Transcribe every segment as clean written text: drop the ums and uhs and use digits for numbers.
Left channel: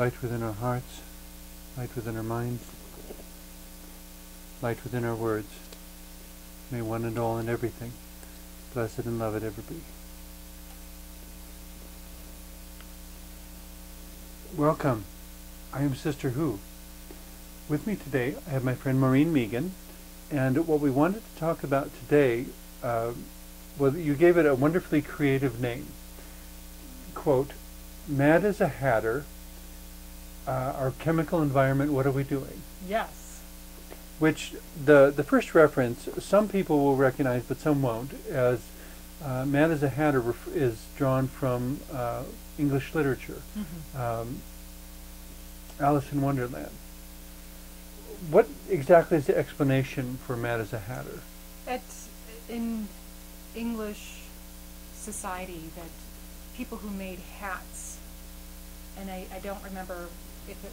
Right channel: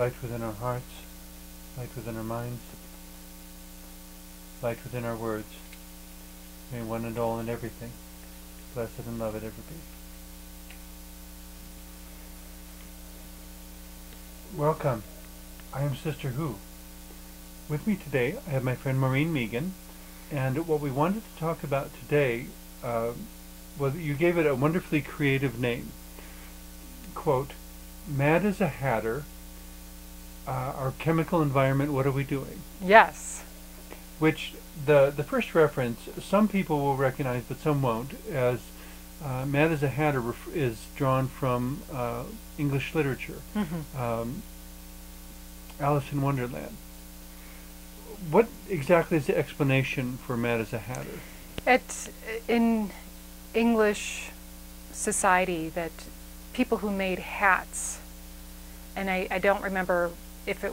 light within our hearts, light within our minds, light within our words. May one and all and everything, blessed and loved ever be. Welcome. I am Sister Who. With me today I have my friend Maureen Meegan, and what we wanted to talk about today, well, you gave it a wonderfully creative name. Quote, Mad as a Hatter, our chemical environment, what are we doing? Yes. Which, the first reference, some people will recognize, but some won't, as Mad as a Hatter is drawn from English literature. Mm-hmm. Alice in Wonderland. What exactly is the explanation for Mad as a Hatter? It's in English society that people who made hats, and I don't remember if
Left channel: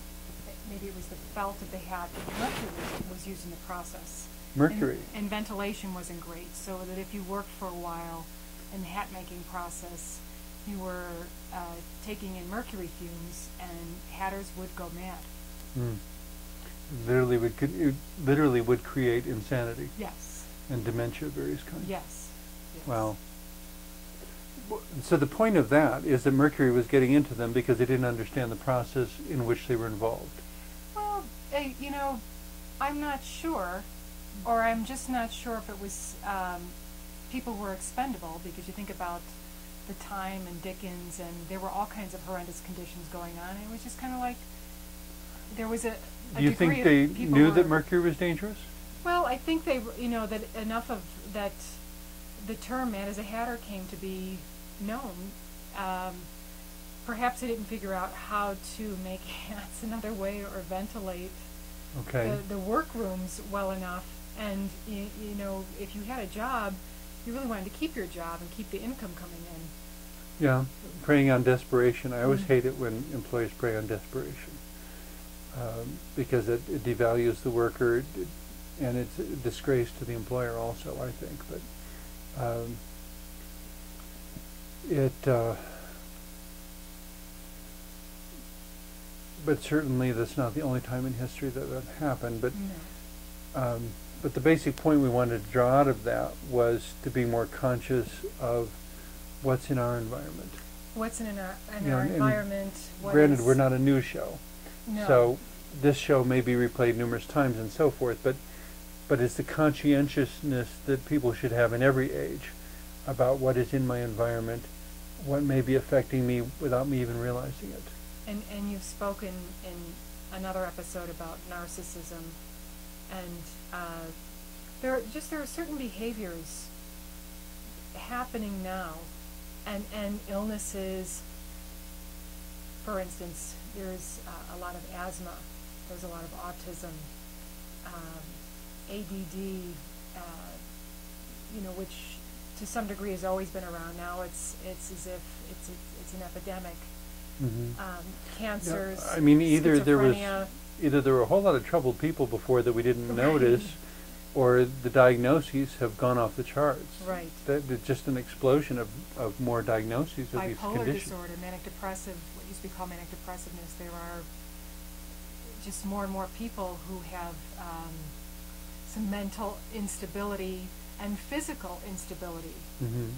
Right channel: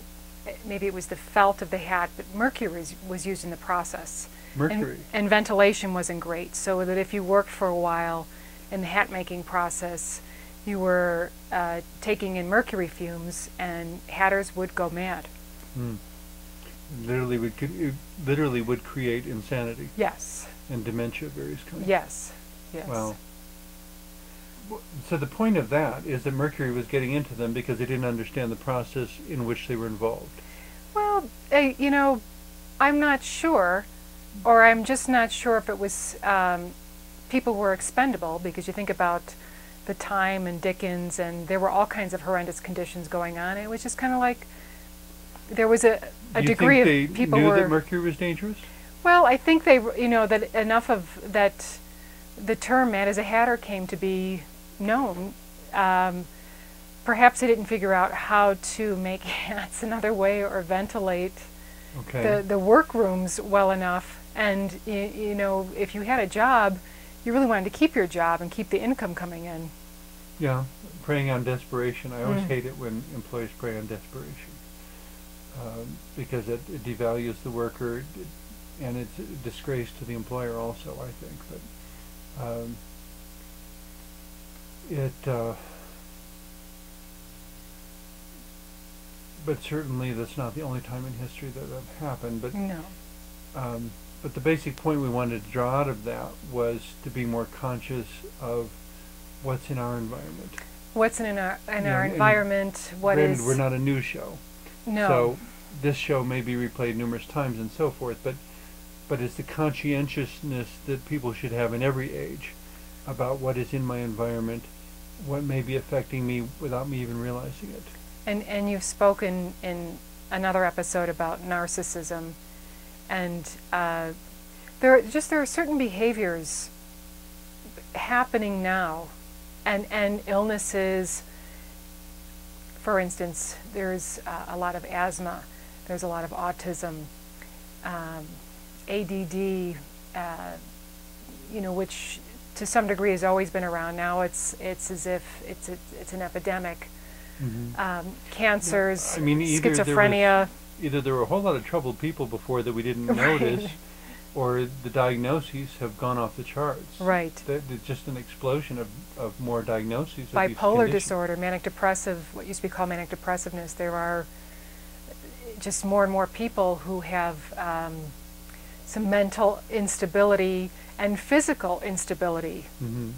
maybe it was the felt of the hat, but mercury was used in the process. Mercury. And ventilation wasn't great, so that if you worked for a while in the hat making process, you were taking in mercury fumes, and hatters would go mad. Mm. Literally would create insanity. Yes. And dementia of various kinds. Yes. Yes. Wow. So the point of that is that mercury was getting into them because they didn't understand the process in which they were involved. Well, you know, I'm not sure, or I'm just not sure if it was people were expendable, because you think about the time and Dickens, and there were all kinds of horrendous conditions going on, and it was just kind of like there was a degree of people knew that mercury was dangerous? Well, I think they, you know, that enough of that, the term Mad as a Hatter came to be known. Perhaps they didn't figure out how to make hats another way or ventilate the workrooms well enough. And you know, if you had a job, you really wanted to keep your job and keep the income coming in. Yeah, preying on desperation. I always hate it when employees prey on desperation, because it devalues the worker, and it's a disgrace to the employer also, I think. But but certainly that's not the only time in history that happened. But no. But the basic point we wanted to draw out of that was to be more conscious of what's in our environment. What's in our environment? Granted, we're not a news show, no. So this show may be replayed numerous times and so forth. But it's the conscientiousness that people should have in every age about what is in my environment, what may be affecting me without me even realizing it. And you've spoken in another episode about narcissism, and there are certain behaviors happening now, and illnesses. For instance, there's a lot of asthma, there's a lot of autism, ADD, you know, which to some degree has always been around. Now it's as if it's an epidemic. Mm-hmm. Cancers, I mean, schizophrenia. Either there were a whole lot of troubled people before that we didn't notice, or the diagnoses have gone off the charts. Right. Just an explosion of more diagnoses. Bipolar disorder, manic depressive, what used to be called manic depressiveness. There are just more and more people who have some mental instability and physical instability. Mm-hmm.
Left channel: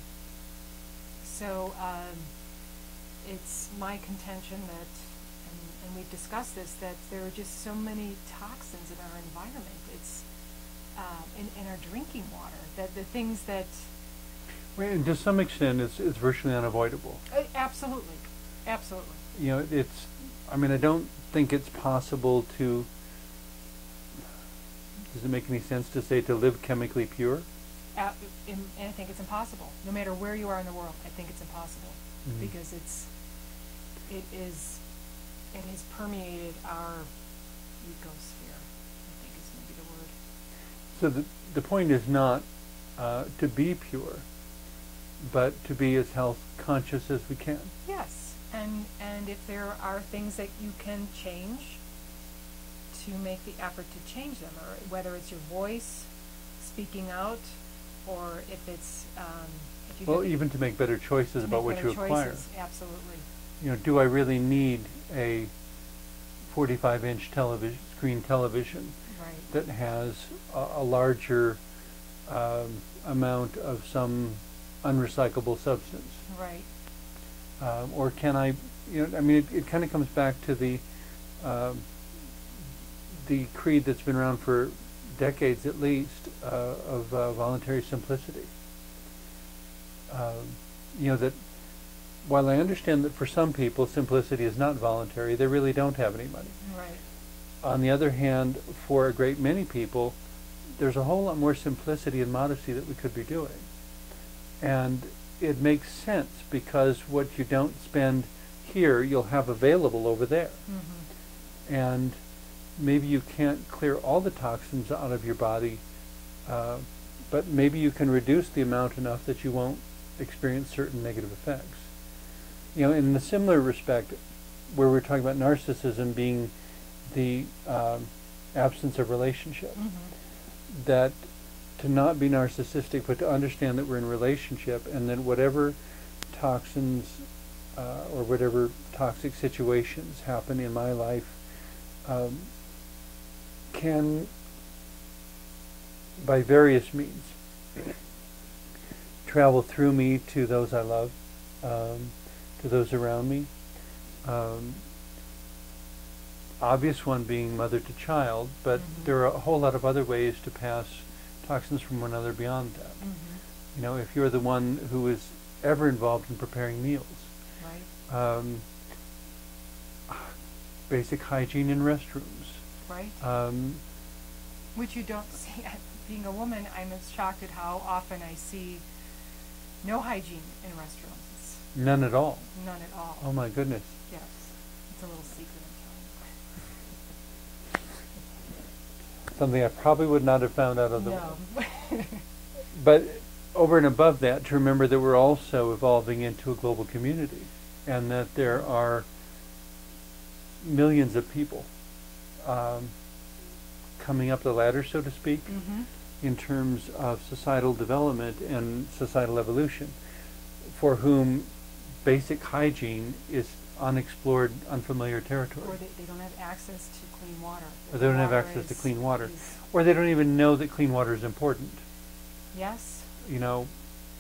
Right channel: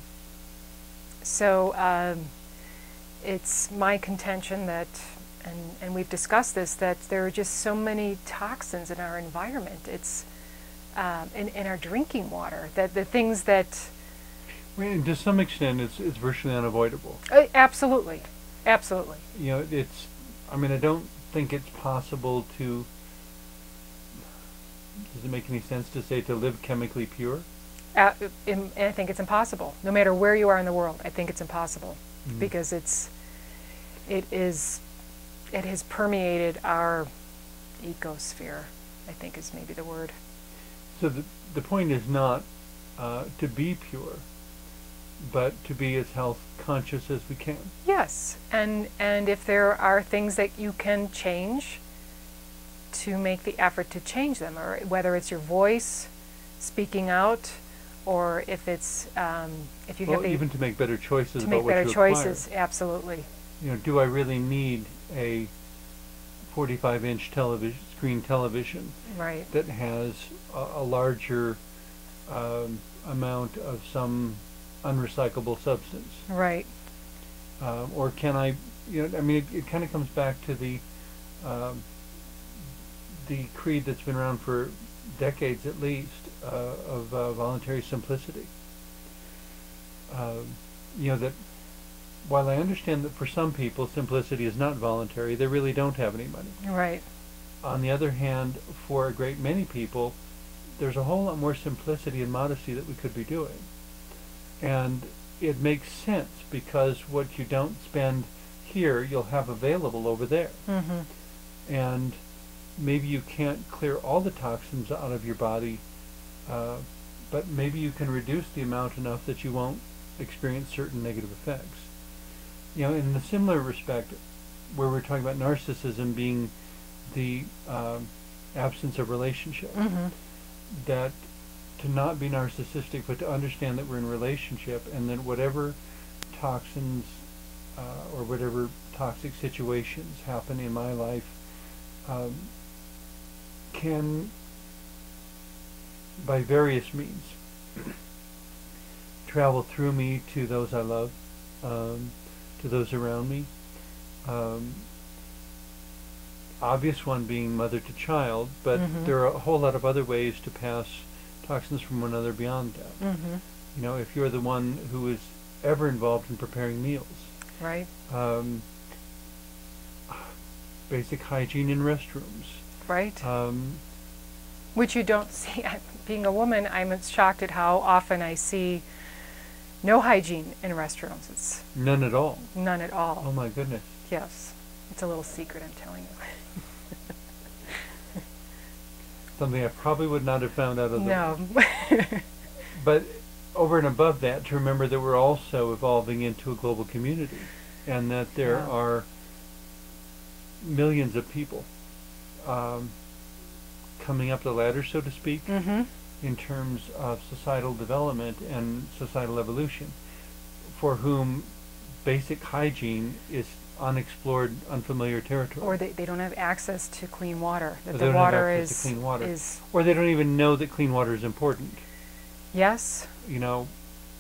So it's my contention that, and we've discussed this, that there are just so many toxins in our environment. It's in our drinking water, that the things that... Well, to some extent, it's virtually unavoidable. Absolutely. Absolutely. You know, I mean, I don't think it's possible to... Does it make any sense to say to live chemically pure? I think it's impossible. No matter where you are in the world, I think it's impossible. Mm-hmm. Because it has permeated our ecosphere, I think is maybe the word. So the point is not to be pure, but to be as health conscious as we can. Yes, and if there are things that you can change, to make the effort to change them, or whether it's your voice speaking out, or if it's if you have even to make better choices about what you acquire. Absolutely. You know, do I really need a 45-inch screen television Right. that has a larger amount of some unrecyclable substance? Right. Or can I, I mean, it kind of comes back to the creed that's been around for decades at least, of voluntary simplicity. That while I understand that for some people simplicity is not voluntary, they really don't have any money. Right. On the other hand, for a great many people, there's a whole lot more simplicity and modesty that we could be doing. And it makes sense because what you don't spend here, you'll have available over there. Mm-hmm. And maybe you can't clear all the toxins out of your body, but maybe you can reduce the amount enough that you won't experience certain negative effects. In a similar respect, where we're talking about narcissism being the absence of relationship, Mm-hmm. that to not be narcissistic, but to understand that we're in relationship, and that whatever toxins or whatever toxic situations happen in my life can, by various means, travel through me to those I love, to those around me. Obvious one being mother to child, but Mm-hmm. there are a whole lot of other ways to pass toxins from one another beyond that. Mm-hmm. If you're the one who is ever involved in preparing meals, Right. basic hygiene in restrooms. Right. Which you don't see. Being a woman, I'm shocked at how often I see no hygiene in restrooms. It's None at all. none at all. Oh my goodness. Yes. It's a little secret, I'm telling you. Something I probably would not have found out otherwise. No. But over and above that, to remember that we're also evolving into a global community, and that there Yeah. are millions of people coming up the ladder, so to speak, Mm-hmm. in terms of societal development and societal evolution, for whom basic hygiene is unexplored, unfamiliar territory. Or they don't have access to clean water. That Or the they don't water have access is, to clean water. is Or they don't even know that clean water is important. yes.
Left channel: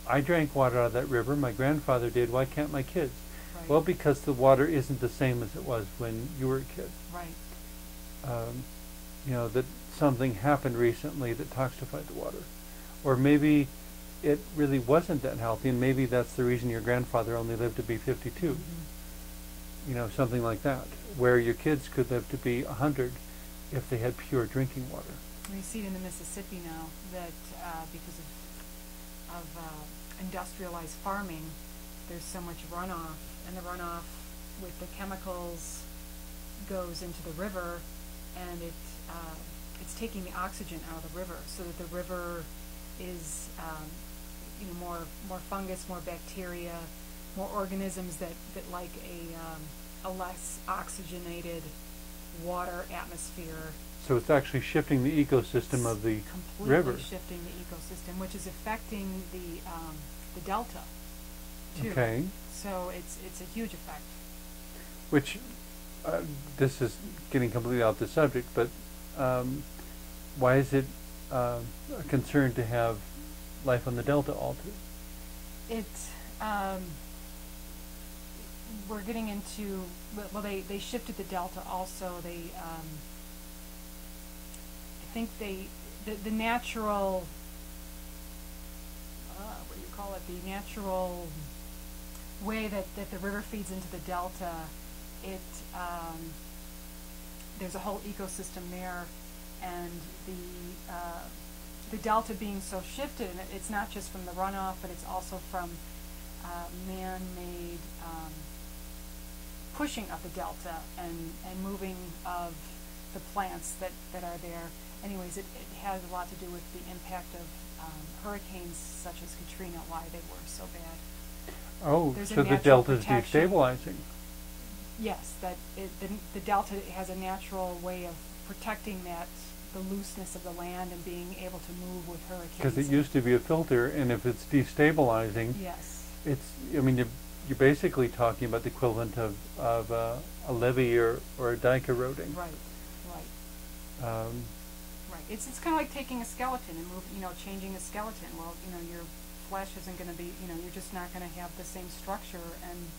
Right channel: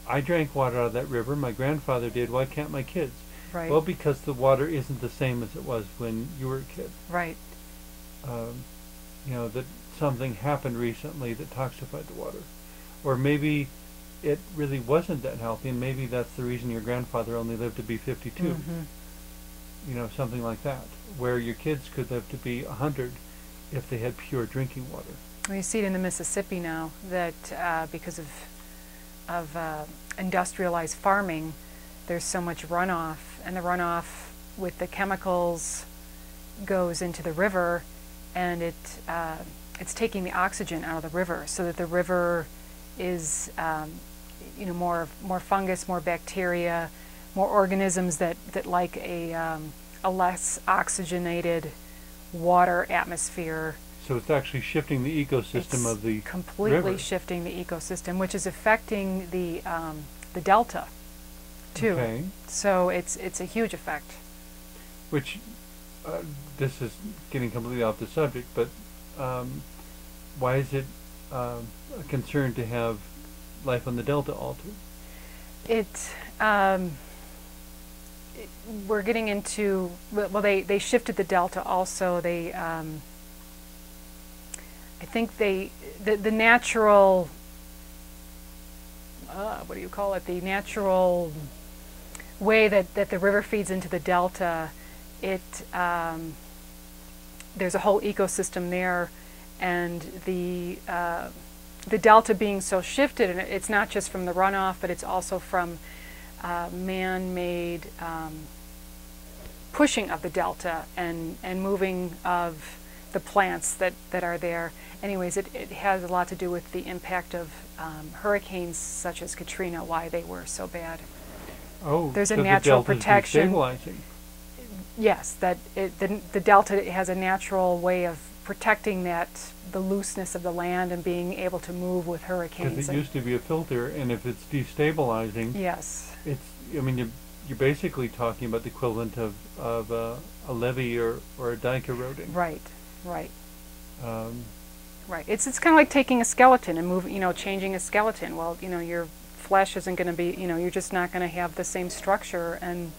I drank water out of that river. My grandfather did. Why can't my kids? Right. Well, because the water isn't the same as it was when you were a kid. Right. That something happened recently that toxified the water. Or maybe it really wasn't that healthy, and maybe that's the reason your grandfather only lived to be 52. Mm-hmm. Something like that, where your kids could live to be 100 if they had pure drinking water. We see it in the Mississippi now that because of industrialized farming, there's so much runoff, and the runoff with the chemicals goes into the river, and it's taking the oxygen out of the river, so that the river is more fungus, more bacteria, more organisms that like a less oxygenated water atmosphere. So it's actually shifting the ecosystem of the completely river. shifting the ecosystem, which is affecting the delta too. Okay. So it's a huge effect. Which, this is getting completely off the subject, but why is it a concern to have life on the delta altered? We're getting into, well, they shifted the delta also. They I think the natural, what do you call it, the natural way that the river feeds into the delta, there's a whole ecosystem there, and the delta being so shifted, and it's not just from the runoff, but it's also from man-made pushing of the delta and moving of the plants that are there. Anyways, it has a lot to do with the impact of hurricanes such as Katrina, why they were so bad. Oh, There's so a natural the delta's protection. destabilizing. Yes, the delta has a natural way of protecting the looseness of the land and being able to move with hurricanes. Because it used to be a filter, and if it's destabilizing, Yes. the you're basically talking about the equivalent of a levee or a dike eroding. Right, right. Um, Right. It's kind of like taking a skeleton and changing a skeleton. Well, your flesh isn't going to be, you're just not going to have the same structure, and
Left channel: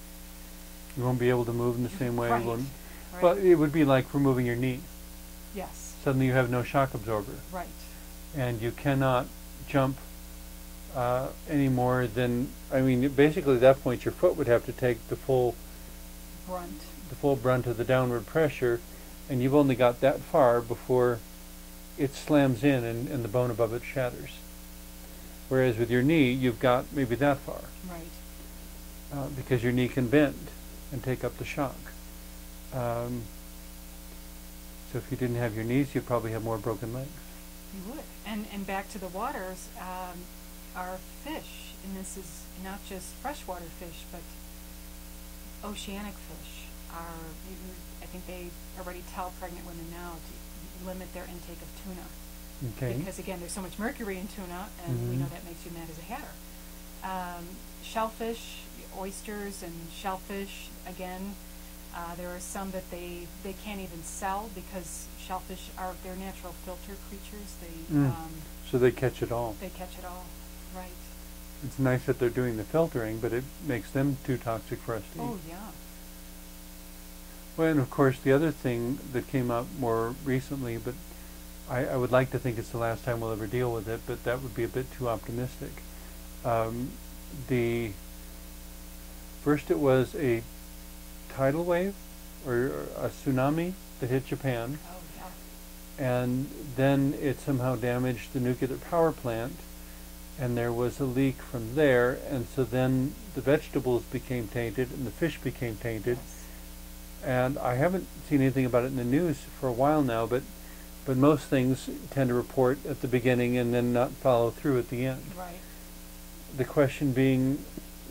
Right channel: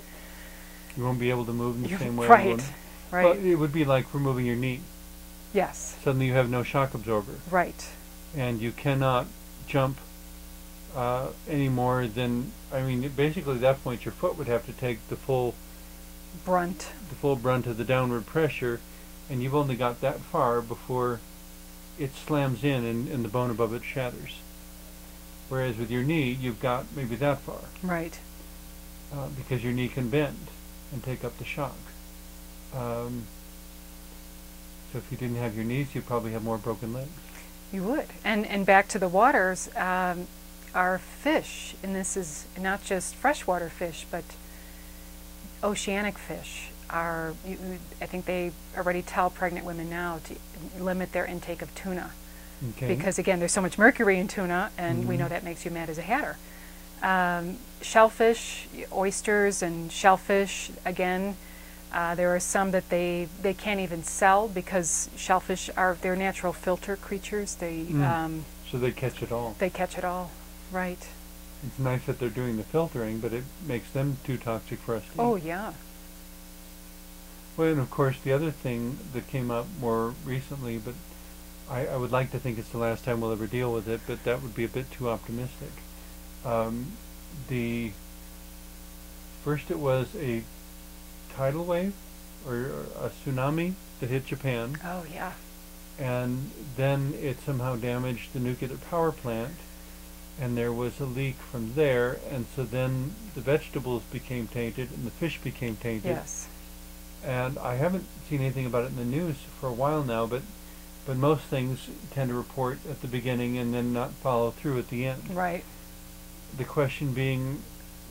you won't be able to move in the same way. Right. Right. Well, it would be like removing your knee. Yes. Suddenly you have no shock absorber. Right. And you cannot jump any more than, basically at that point your foot would have to take the full brunt of the downward pressure, and you've only got that far before it slams in and the bone above it shatters. Whereas with your knee, you've got maybe that far. Right. Because your knee can bend and take up the shock. So if you didn't have your knees, you'd probably have more broken legs. You would. And back to the waters, our fish, and this is not just freshwater fish, but oceanic fish, I think they already tell pregnant women now to limit their intake of tuna. Okay. Because again, there's so much mercury in tuna, and we know that makes you mad as a hatter. Shellfish, oysters and shellfish, again, there are some that they can't even sell because shellfish they're natural filter creatures. So they catch it all. They catch it all, right. It's nice that they're doing the filtering, but it makes them too toxic for us to eat. Oh, yeah. Well, and of course the other thing that came up more recently, but I would like to think it's the last time we'll ever deal with it, but that would be a bit too optimistic. First it was a tidal wave or a tsunami that hit Japan. Oh, yeah. And then it somehow damaged the nuclear power plant, and there was a leak from there, and so then the vegetables became tainted and the fish became tainted. Yes. And I haven't seen anything about it in the news for a while now, but most things tend to report at the beginning and then not follow through at the end. Right. The question being,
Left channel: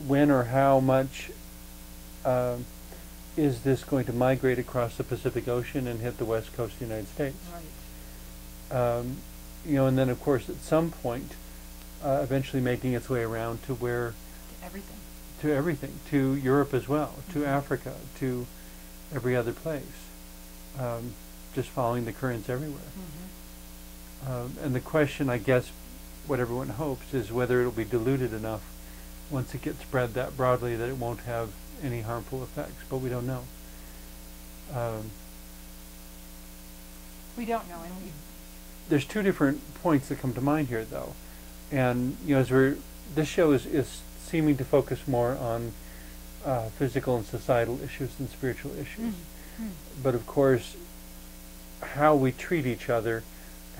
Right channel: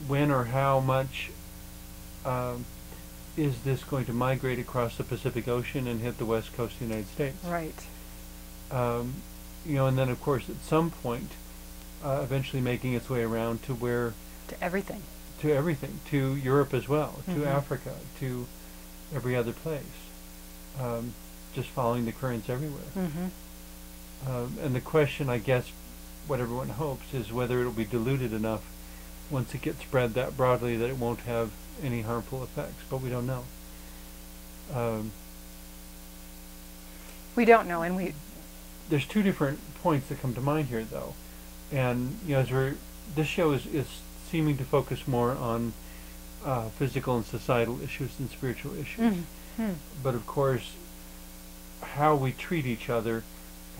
when or how much is this going to migrate across the Pacific Ocean and hit the west coast of the United States? Right. And then of course at some point, eventually making its way around to where... To everything. To Europe as well, to Africa, to every other place. Just following the currents everywhere. And the question, I guess, what everyone hopes is whether it'll be diluted enough once it gets spread that broadly that it won't have any harmful effects, but we don't know. We don't know, and there's two different points that come to mind here, though, and this show is seeming to focus more on physical and societal issues than spiritual issues. But of course, how we treat each other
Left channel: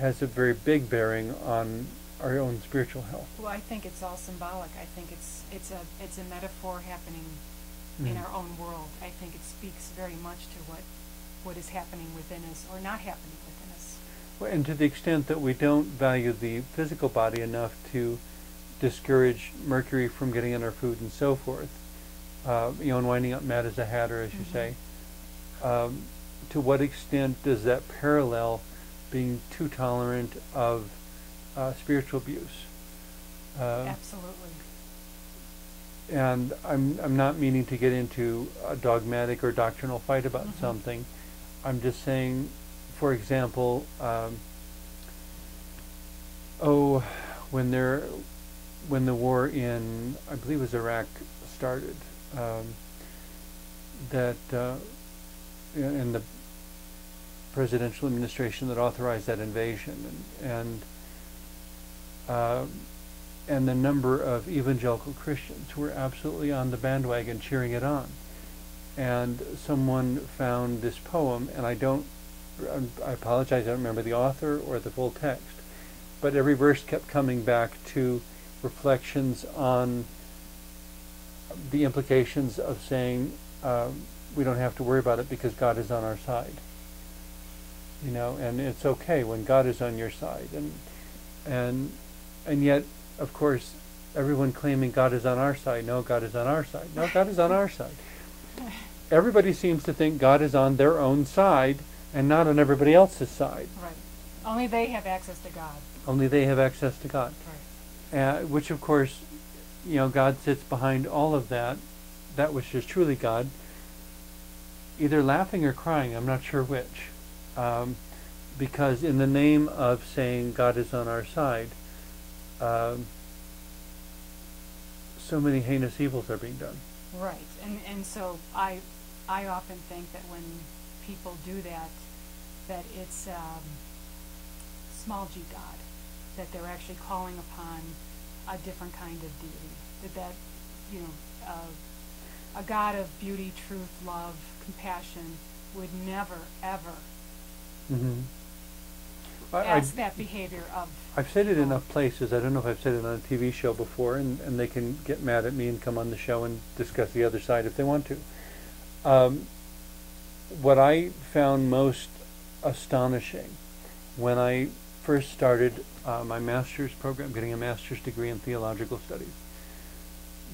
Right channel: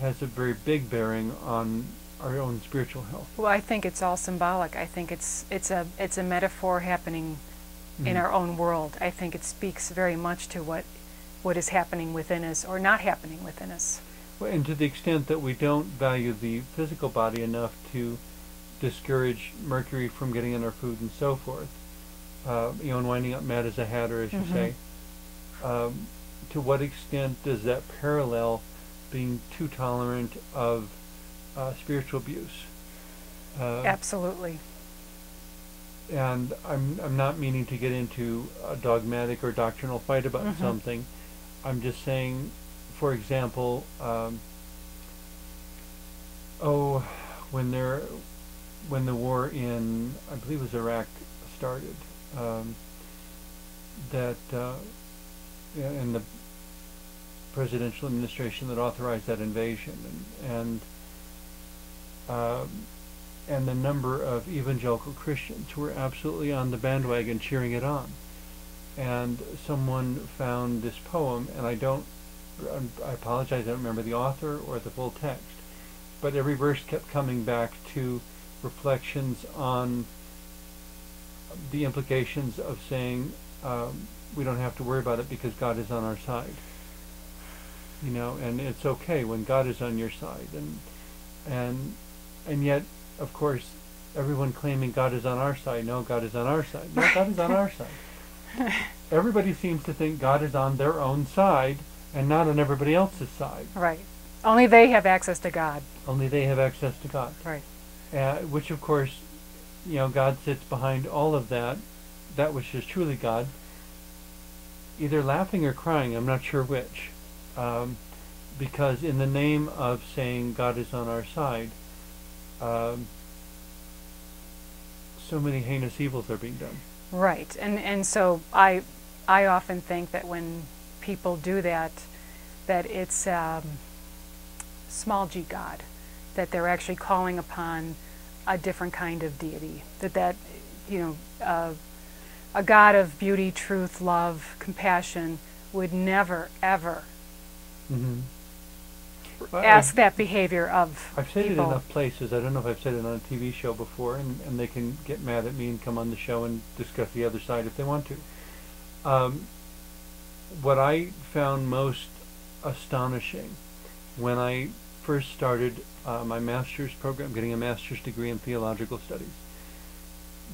has a very big bearing on our own spiritual health. Well, I think it's all symbolic. I think it's a metaphor happening in our own world. I think it speaks very much to what is happening within us or not happening within us. Well, and to the extent that we don't value the physical body enough to discourage mercury from getting in our food and so forth, and winding up mad as a hatter, as you say, to what extent does that parallel being too tolerant of spiritual abuse? Absolutely. And I'm not meaning to get into a dogmatic or doctrinal fight about something. I'm just saying, for example, when the war in, I believe it was Iraq, started, in the presidential administration that authorized that invasion, and the number of evangelical Christians who were absolutely on the bandwagon cheering it on. And someone found this poem, and I apologize, I don't remember the author or the full text, but every verse kept coming back to reflections on the implications of saying we don't have to worry about it because God is on our side. And it's okay when God is on your side. And yet, of course, everyone claiming God is on our side. No, God is on our side. No, God is on our side. Everybody seems to think God is on their own side and not on everybody else's side. Right. Only they have access to God. Only they have access to God. Right. Which, of course, God sits behind all of that that which is truly God, either laughing or crying, I'm not sure which. Because in the name of saying God is on our side, so many heinous evils are being done. Right, and so I often think that when people do that, that it's small g God, that they're actually calling upon a different kind of deity, that a God of beauty, truth, love, compassion would never, ever ask that behavior of I've said people. it enough places. I don't know if I've said it on a TV show before, and they can get mad at me and come on the show and discuss the other side if they want to. What I found most astonishing when I first started my master's program, getting a master's degree in theological studies,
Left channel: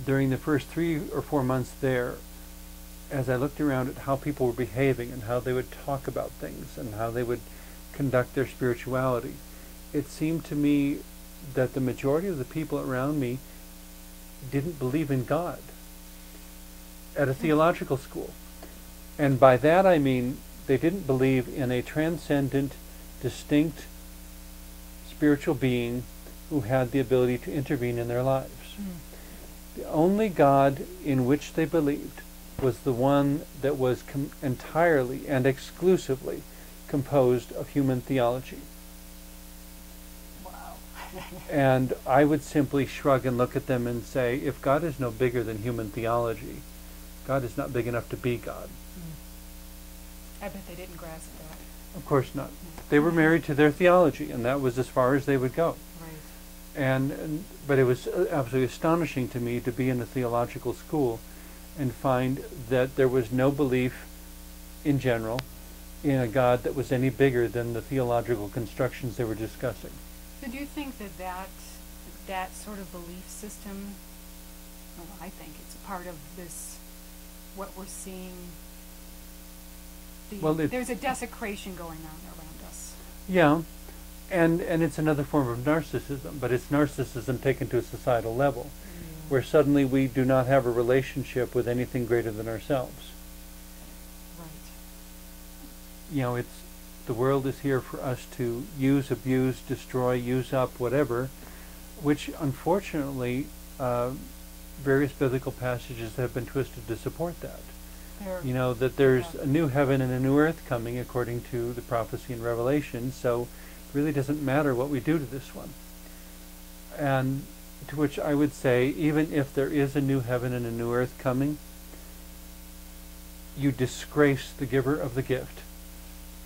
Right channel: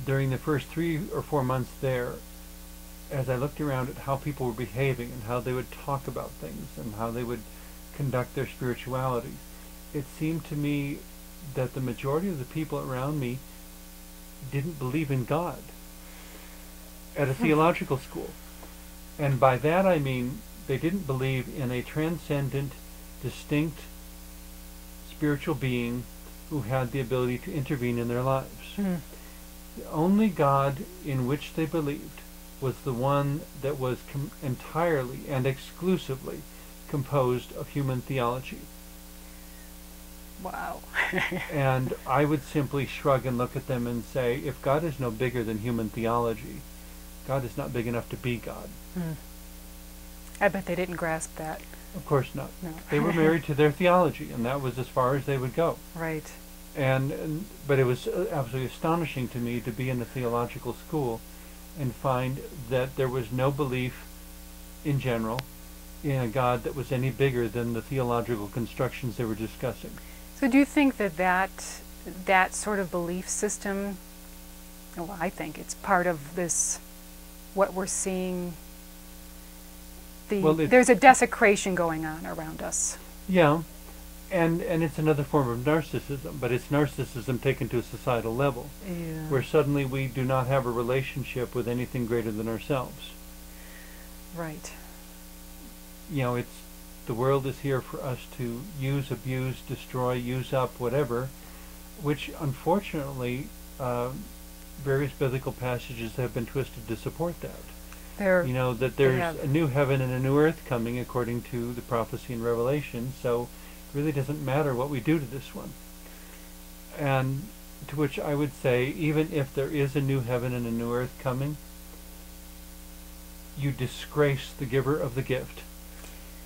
during the first 3 or 4 months there, as I looked around at how people were behaving and how they would talk about things and how they would conduct their spirituality, it seemed to me that the majority of the people around me didn't believe in God at a theological school. And by that I mean they didn't believe in a transcendent, distinct spiritual being who had the ability to intervene in their lives. The only God in which they believed was the one that was entirely and exclusively composed of human theology. Wow. And I would simply shrug and look at them and say, if God is no bigger than human theology, God is not big enough to be God. I bet they didn't grasp that. Of course not. No. They were married to their theology, and that was as far as they would go. Right. But it was absolutely astonishing to me to be in a theological school and find that there was no belief in general in a God that was any bigger than the theological constructions they were discussing. So do you think that sort of belief system, well, I think it's part of this, what we're seeing, there's a desecration going on around us. Yeah, and it's another form of narcissism, but it's narcissism taken to a societal level, where suddenly we do not have a relationship with anything greater than ourselves. Right. You know, the world is here for us to use, abuse, destroy, use up, whatever, which unfortunately various biblical passages have been twisted to support that. That there's a new heaven and a new earth coming according to the prophecy in Revelation, so it really doesn't matter what we do to this one. And to which I would say, even if there is a new heaven and a new earth coming, you disgrace the giver of the gift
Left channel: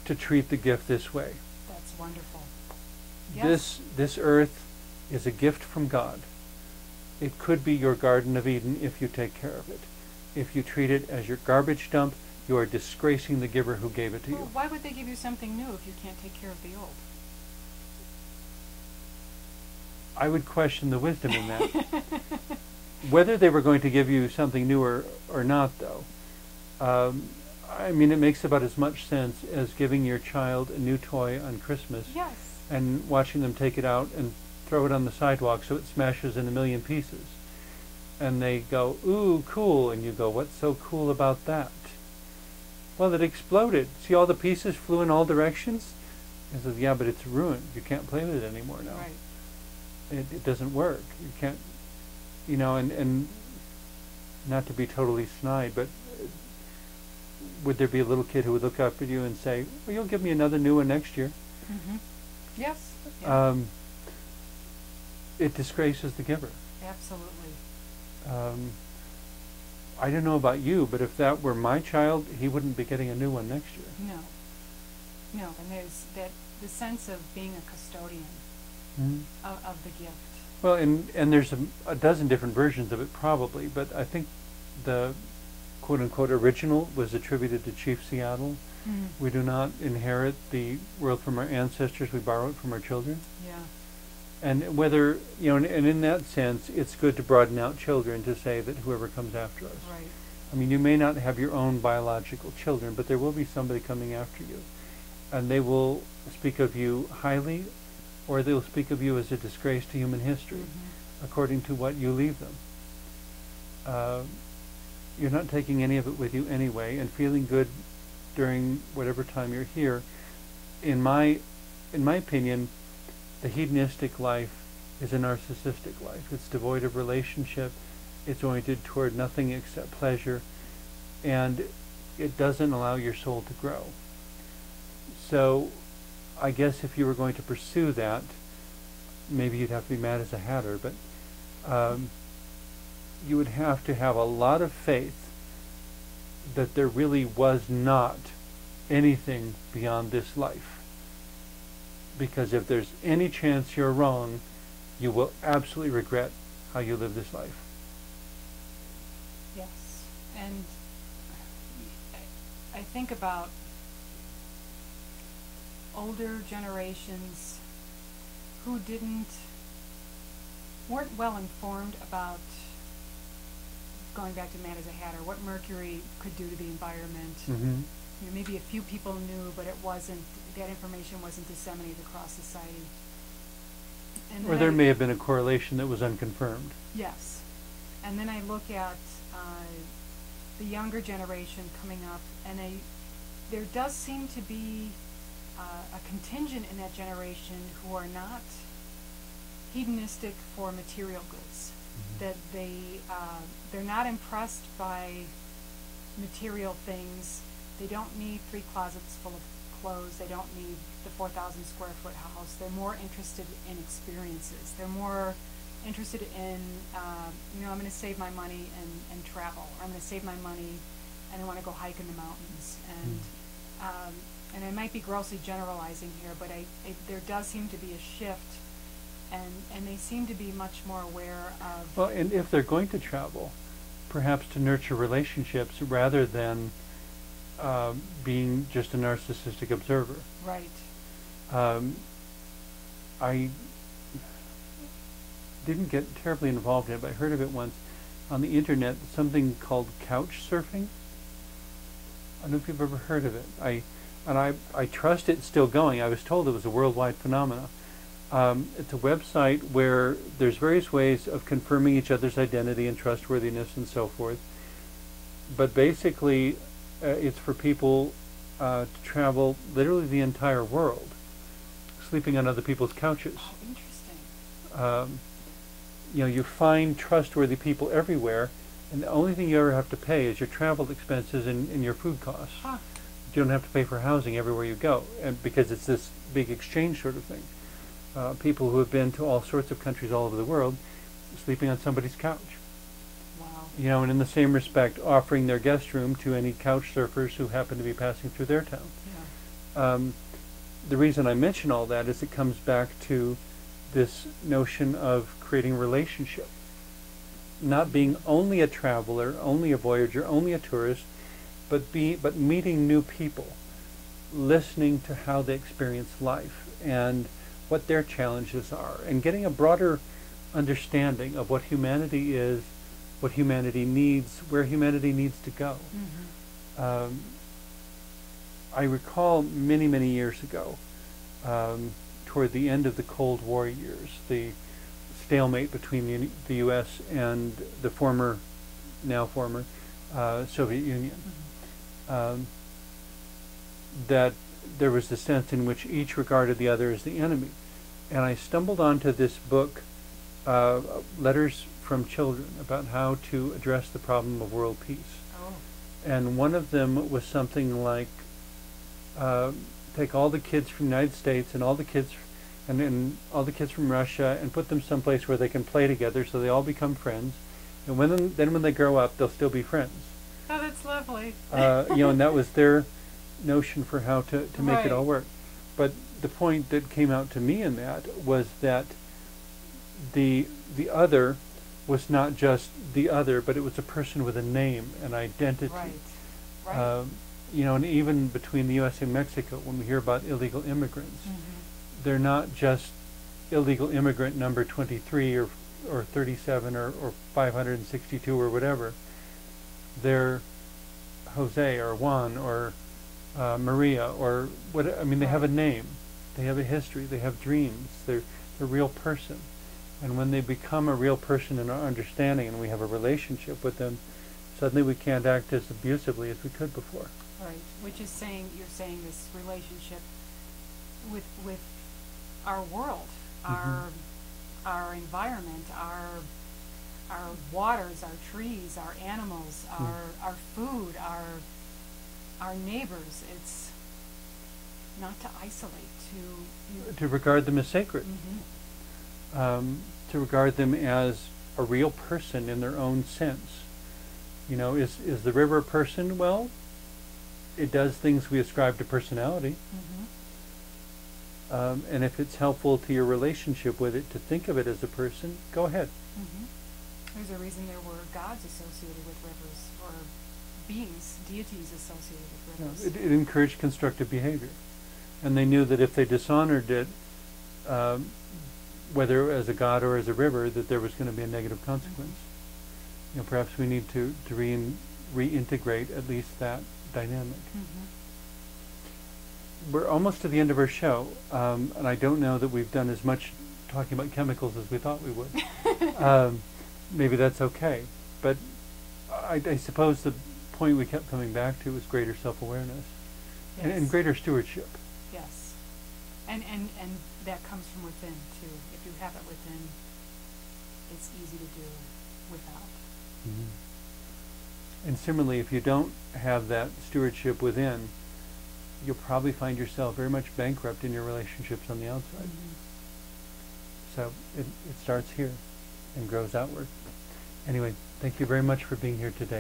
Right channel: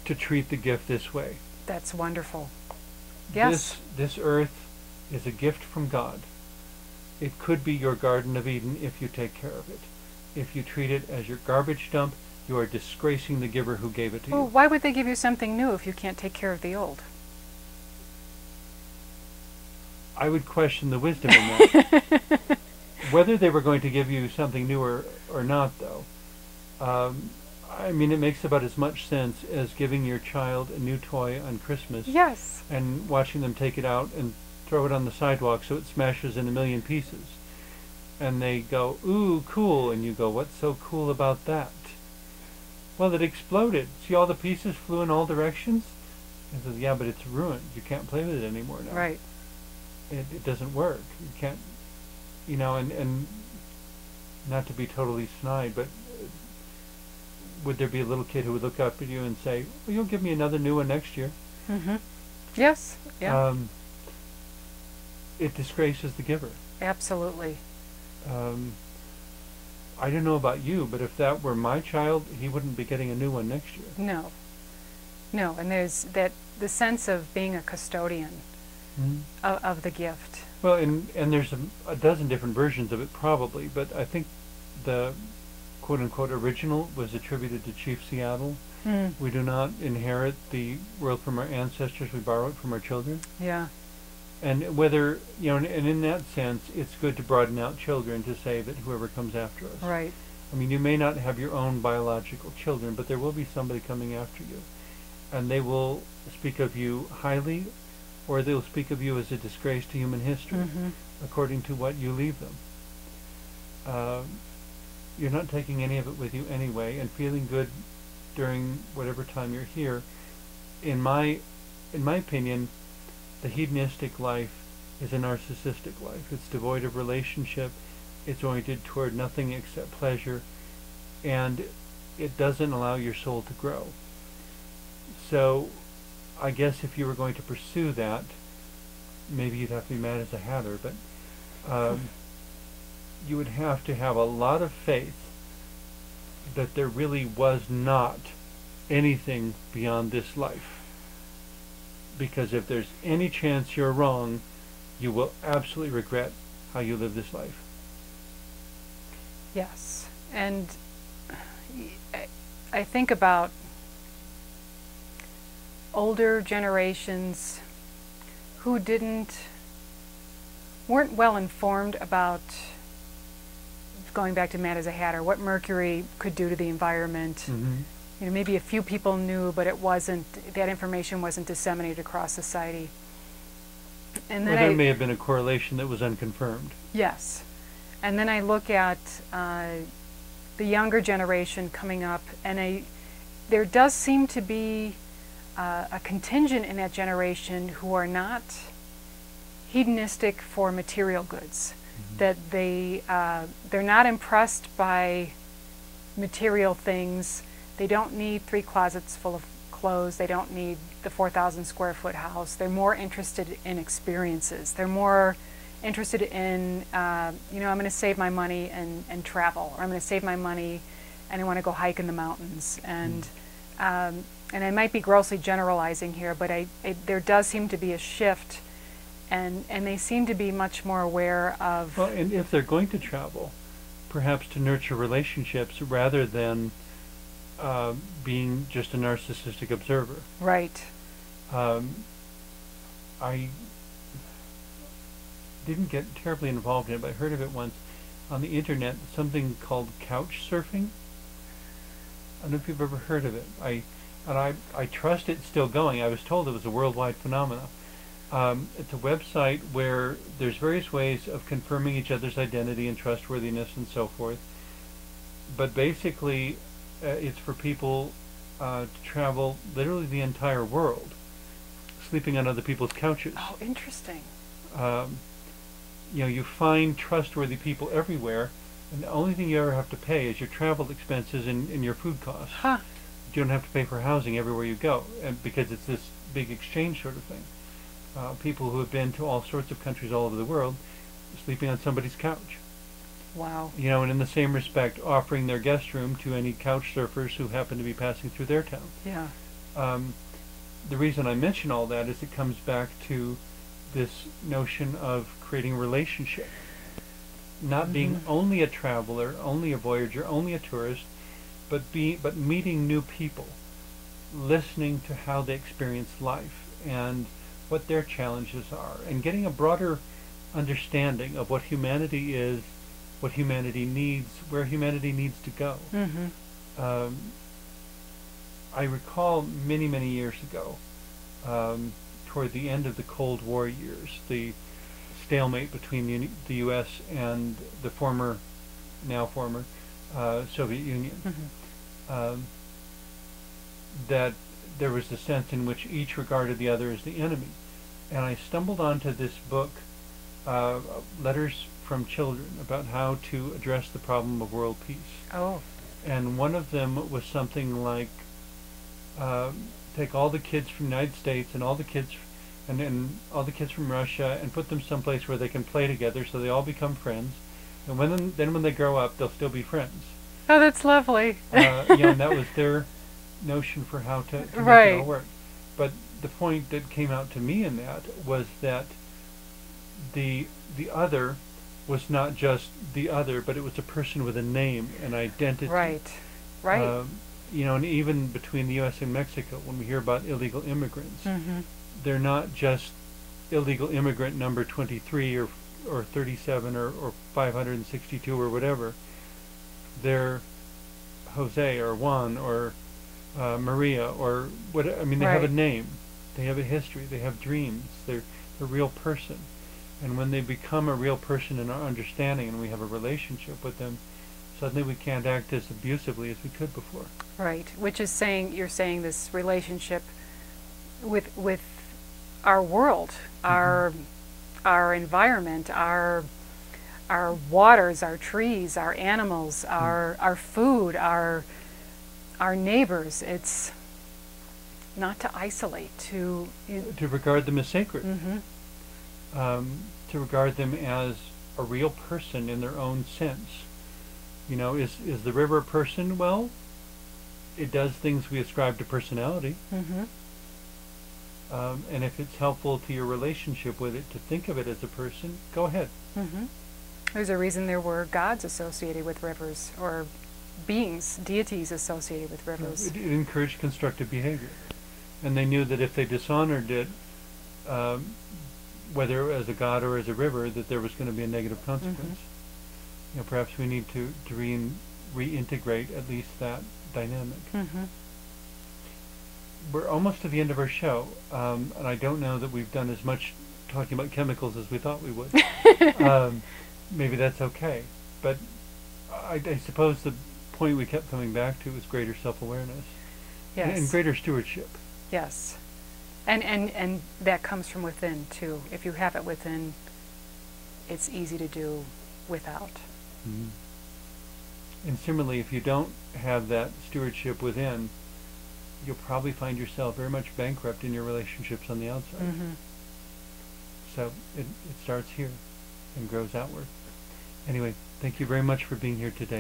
to treat the gift this way. That's wonderful. Yes. This earth is a gift from God. It could be your Garden of Eden if you take care of it. If you treat it as your garbage dump, you are disgracing the giver who gave it to you. Well, why would they give you something new if you can't take care of the old? I would question the wisdom in that. Whether they were going to give you something new or not, though, I mean, it makes about as much sense as giving your child a new toy on Christmas. Yes. And watching them take it out and throw it on the sidewalk so it smashes in a million pieces. And they go, ooh, cool. And you go, what's so cool about that? Well, it exploded. See, all the pieces flew in all directions? He says, yeah, but it's ruined. You can't play with it anymore now. Right. It doesn't work. You can't, and not to be totally snide, but would there be a little kid who would look up at you and say, well, you'll give me another new one next year? Mm-hmm. Yes. Yeah. It disgraces the giver. Absolutely. I don't know about you, but if that were my child, he wouldn't be getting a new one next year. No, and there's the sense of being a custodian of the gift. Well, and there's a dozen different versions of it probably, but I think the quote-unquote original was attributed to Chief Seattle. We do not inherit the world from our ancestors, we borrow it from our children. Yeah. And whether, and in that sense, it's good to broaden out children to say that whoever comes after us. Right. I mean, you may not have your own biological children, but there will be somebody coming after you. And they will speak of you highly, or they'll speak of you as a disgrace to human history, according to what you leave them. you're not taking any of it with you anyway, and feeling good during whatever time you're here. In my opinion, the hedonistic life is a narcissistic life. It's devoid of relationship. It's oriented toward nothing except pleasure, and it doesn't allow your soul to grow. So I guess if you were going to pursue that, maybe you'd have to be mad as a hatter, but you would have to have a lot of faith that there really was not anything beyond this life. Because if there's any chance you're wrong, you will absolutely regret how you live this life. Yes. And I think about older generations who weren't well informed about, going back to Mad as a Hatter, what mercury could do to the environment. Mm-hmm. You know, maybe a few people knew, but that information wasn't disseminated across society. And then there may have been a correlation that was unconfirmed. Yes. And then I look at the younger generation coming up, and there does seem to be a contingent in that generation who are not hedonistic for material goods. Mm-hmm. That they're not impressed by material things. They don't need 3 closets full of clothes. They don't need the 4,000 square foot house. They're more interested in experiences. They're more interested in, I'm going to save my money and travel, or I'm going to save my money and I want to go hike in the mountains. And I might be grossly generalizing here, but there does seem to be a shift, and they seem to be much more aware of... Well, and if they're going to travel, perhaps to nurture relationships rather than being just a narcissistic observer. Right. I didn't get terribly involved in it, but I heard of it once on the internet, something called couch surfing. I don't know if you've ever heard of it. I trust it's still going. I was told it was a worldwide phenomenon. It's a website where there's various ways of confirming each other's identity and trustworthiness and so forth. But basically, it's for people to travel literally the entire world, sleeping on other people's couches. Oh, interesting. You find trustworthy people everywhere, and the only thing you ever have to pay is your travel expenses and your food costs. Huh. You don't have to pay for housing everywhere you go, and because it's this big exchange sort of thing. People who have been to all sorts of countries all over the world, sleeping on somebody's couch. Wow. And in the same respect, offering their guest room to any couch surfers who happen to be passing through their town. Yeah. The reason I mention all that is it comes back to this notion of creating relationship. Not being only a traveler, only a voyager, only a tourist, but meeting new people, listening to how they experience life and what their challenges are, and getting a broader understanding of what humanity is, what humanity needs, where humanity needs to go. Mm-hmm. I recall many, many years ago, toward the end of the Cold War years, the stalemate between the U.S. and the now former Soviet Union. Mm-hmm. That there was the sense in which each regarded the other as the enemy. And I stumbled onto this book, Letters from Children, about how to address the problem of world peace. Oh. And one of them was something like, take all the kids from the United States and all the kids all the kids from Russia and put them someplace where they can play together so they all become friends. And when they grow up, they'll still be friends. Oh, that's lovely. And that was their notion for how to make right. it all work. But the point that came out to me in that was that the other was not just the other, but it was a person with a name and identity. Right. Right. And even between the U.S. and Mexico, when we hear about illegal immigrants, mm-hmm. they're not just illegal immigrant number 23 or 37 or 562 or whatever. They're Jose or Juan or Maria or what? I mean, they right. have a name, they have a history, they have dreams. They're a real person, and when they become a real person in our understanding, and we have a relationship with them, suddenly we can't act as abusively as we could before. Right, which is saying, you're saying this relationship with our world, our environment, our waters, our trees, our animals, our food, our neighbors. It's not to isolate, to regard them as sacred, to regard them as a real person in their own sense. You know, is the river a person? Well, it does things we ascribe to personality. And if it's helpful to your relationship with it to think of it as a person, go ahead. There's a reason there were gods associated with rivers, or beings, deities associated with rivers. It encouraged constructive behavior. And they knew that if they dishonored it, whether as a god or as a river, that there was going to be a negative consequence. You know, perhaps we need to reintegrate at least that dynamic. We're almost to the end of our show, and I don't know that we've done as much talking about chemicals as we thought we would. Maybe that's okay. But I suppose the point we kept coming back to was greater self-awareness. Yes. And greater stewardship. Yes. And that comes from within, too. If you have it within, it's easy to do without. And similarly, if you don't have that stewardship within, you'll probably find yourself very much bankrupt in your relationships on the outside. So it starts here and grows outward. Anyway, thank you very much for being here today.